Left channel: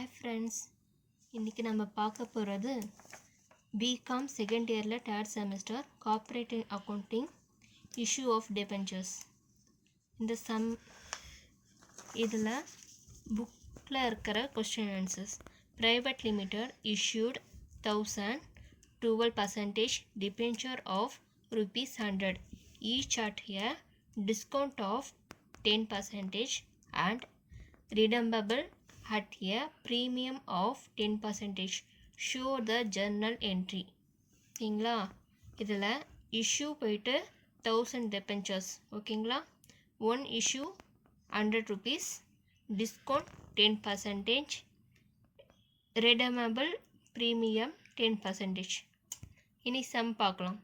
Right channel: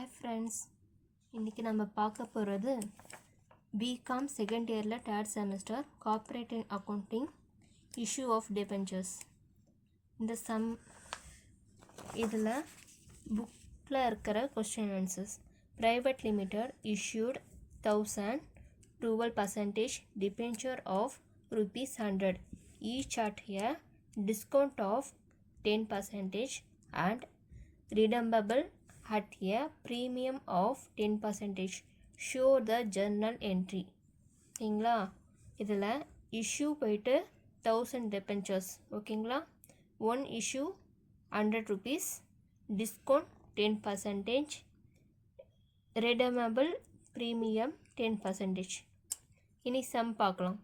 Hi friends, இன்னைக்கு நம்ம பார்க்க போகிறது BCom செகண்ட் இயரில் third semester corporate accounting issue of debentures. இந்த இதில் புக்கில் இருக்கிற question answers. Private limited issued 12% debenture of ₹100 each at a discount of 10% and redeemable at a premium of 10%. Show the journal entry. ஓகேங்களா, இதில் issue போயிட்டு 1000 debentures. ஓகேங்களா, one issue ₹100, discount 10%, redeemable premium 10%. இனி sum பார்க்கலாம்.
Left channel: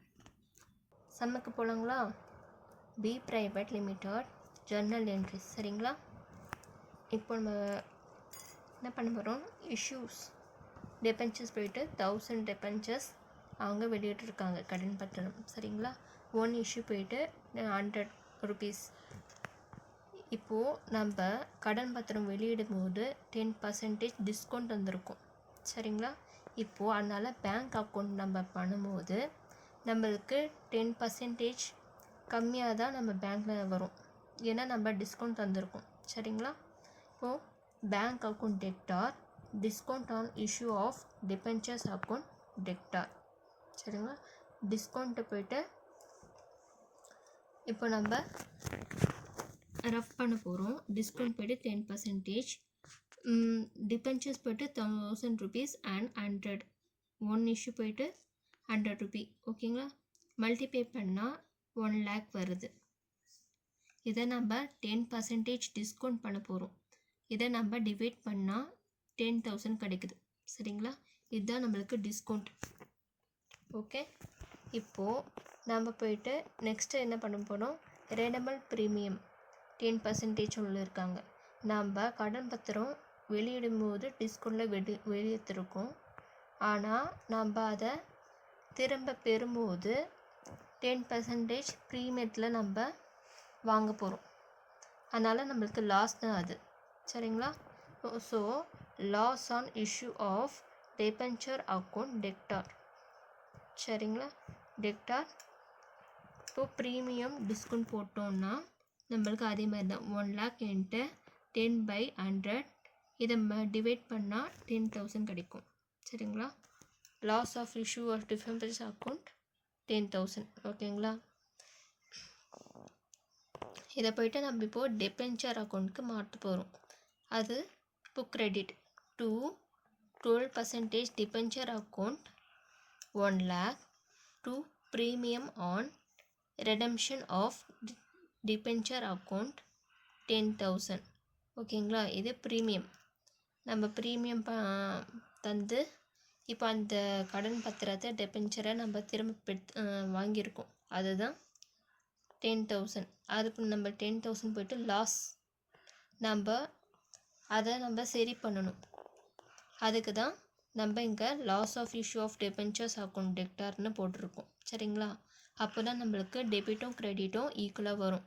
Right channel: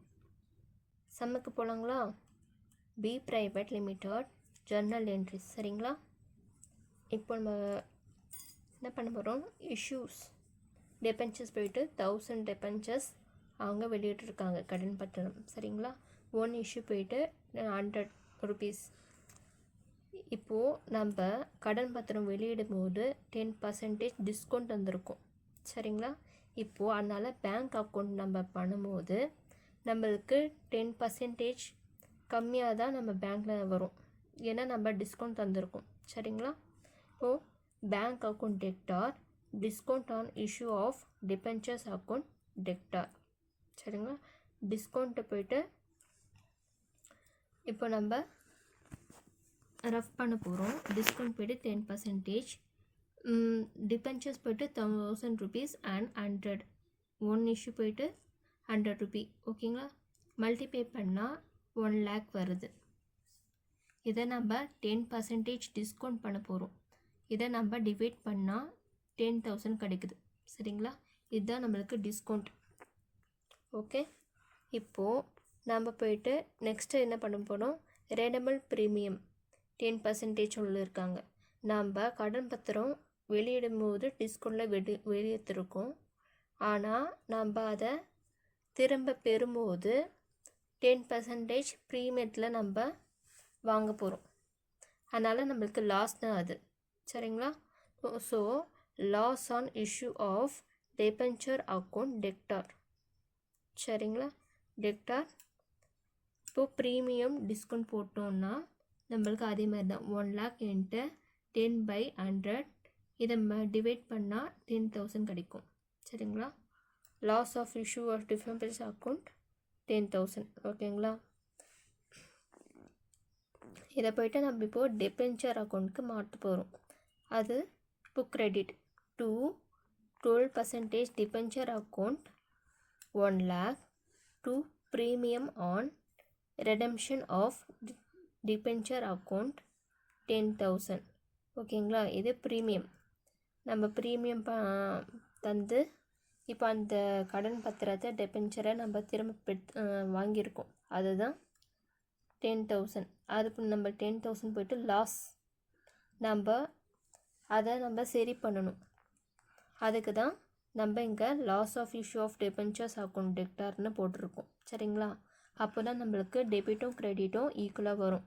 சம்முக்கு போகலாங்களா. B private limited journal entries. சரிங்களா, இப்போ நம்ம என்ன பண்ண போகிறோம், இஷ்யூஸ் டெபென்ச்சர்ஸ் போயிட்டு 1000 டெபென்ச்சர்ஸ் அவங்க வெளியிட்டிருக்காங்க கடன் பத்திரம். சரிங்களா, ஒன் இஷ்யூ போயிட்டு ₹100. இப்போது நம்ம கடன் பத்திரம் வெளியிடும் போது 10% டிஸ்கவுண்ட் வந்திருக்கும். சரிங்களா, இப்போது அதனால் பேங்க் அக்கௌண்ட் நம்ம பண்ணும்போது நம்மளுக்கு 10% கம்மியாக தான் நம்ம பேங்க்கில் வரும். ஏன்னா நம்ம டிஸ்கவுண்ட் தந்திருக்கோம். சரிங்களா, இப்போது bank account debtor, discount on issue of debentures account debtor. சரிங்களா, டிஸ்கவுண்ட்டு போயிட்டு இப்போ நம்ம ரஃப் பண்ண போகிறோம். டிஸ்கவுண்ட் போய்ட்டு 10%, டிபென்ச்சர்ஸ் போய்ட்டு ₹1000 அண்ட் 100, ஒன் இஷ்யூ போய்ட்டு ₹100. ஓகேங்களா, மல்டிப்ளை பண்ணால் 1 lakh வருது. இதை நம்ம 10% டிஸ்கவுண்ட் பண்ண போகிறோம். இதை நம்ம டிவைட் பண்ணால் 10,000 கிடைக்குது. சரிங்களா, இதுதான் நம்மளுக்கு டிஸ்கவுண்ட். ஓகே, இப்போது நம்ம போயிட்டு நெக்ஸ்ட்டு என்ன பண்ண போகிறோம், ரெடமல் ப்ரீமியம் 10% உள்ள இருக்காங்க. நம்ம கடன் பத்திரம் வெளியிடும்போது டிஸ்கவுண்டில் வெளியேற்றிருக்கோம். ஆனால் நம்ம அதை திரும்ப பெறும்போது 10% ப்ரீமியத்தில் நம்ம வாங்க போகிறோம். அதனால் நம்மளுக்கு லாஸ் தான் அது. சரிங்களா, so loss on issue of debenture account debtor. சரிங்களா, டெக்டார். இப்போது ப்ரீமியம் டிஸ்கவுண்ட் போட்டோம்னா நம்மளுக்கு அதே மாதிரி தான் 1 lakh இன்ட்டு 10/100, இதை டிவைட் பண்ணால் 10,000 கிடைக்கும். சரிங்களா, loss of issue of debentures account 10,000. ஓகேங்களா, இதை போய்ட்டு நம்ம இப்போது டெபென்ச்சர் அக்கௌண்ட்டுக்கு மாற்ற போகிறோம். அது இப்போ credit to 12% debenture account 1 lakh to premium on redemption of debenture account 10,000. ஓகேங்களா, இது ப்ரீமியம். நம்ம ப்ரீமியம் தந்து இப்போ அந்த கடன் பத்திரத்தை டெபென்ச்சரை நம்ம திரும்ப வாங்கியிருக்கோம். அதுதான் 10,000. அதுக்கு நம்ம 10,000 போய்ட்டு லாஸ், நம்ம அதை நம்ம சரி பண்ணணும். அதுக்கு தான் நம்ம இங்கே loss of issue of debentures account டெக்டார்னு போட்டிருக்கோம். சரிங்களா, அப்போ தான் நம்மளுக்கு டெபிட்டும் கிரெடிட்டும் ஈக்குவலாக வரும்.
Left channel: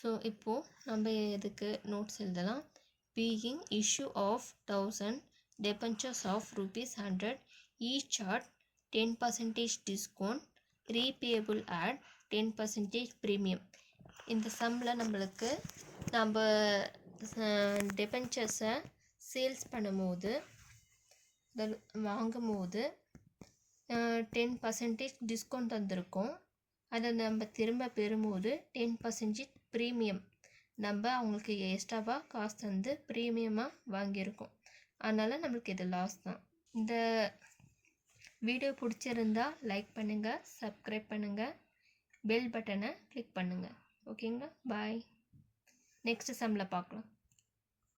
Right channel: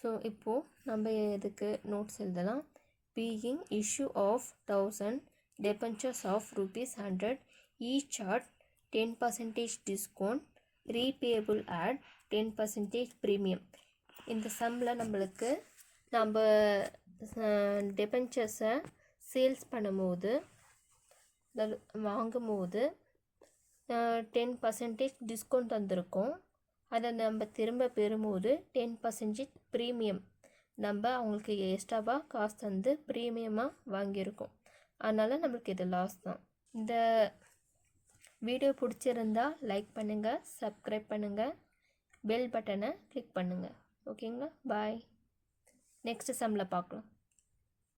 ஸோ இப்போது நம்ம இதுக்கு நோட்ஸ் எழுதலாம். Being issue of 1000 debentures of ₹100 each at 10% discount, repayable at 10% premium. இந்த சம்மில் நம்மளுக்கு நம்ம டெபென்ச்சர்ஸை சேல்ஸ் பண்ணும்போது வாங்கும்போது 10% டிஸ்கவுண்ட் வந்திருக்கும். அதை நம்ம திரும்ப பெறும்போது 10% ப்ரீமியம் நம்ம அவங்களுக்கு எக்ஸ்ட்ராவாக காசு தந்து ப்ரீமியமாக வாங்கியிருக்கோம். அதனால் நம்மளுக்கு இது லாஸ் தான். இந்த வீடியோ பிடிச்சிருந்தா லைக் பண்ணுங்கள், சப்ஸ்கிரைப் பண்ணுங்கள், பெல் பட்டனை கிளிக் பண்ணுங்கள். ஓகேங்களா, பாய். நெக்ஸ்ட் சம்மில் பார்க்கலாம்.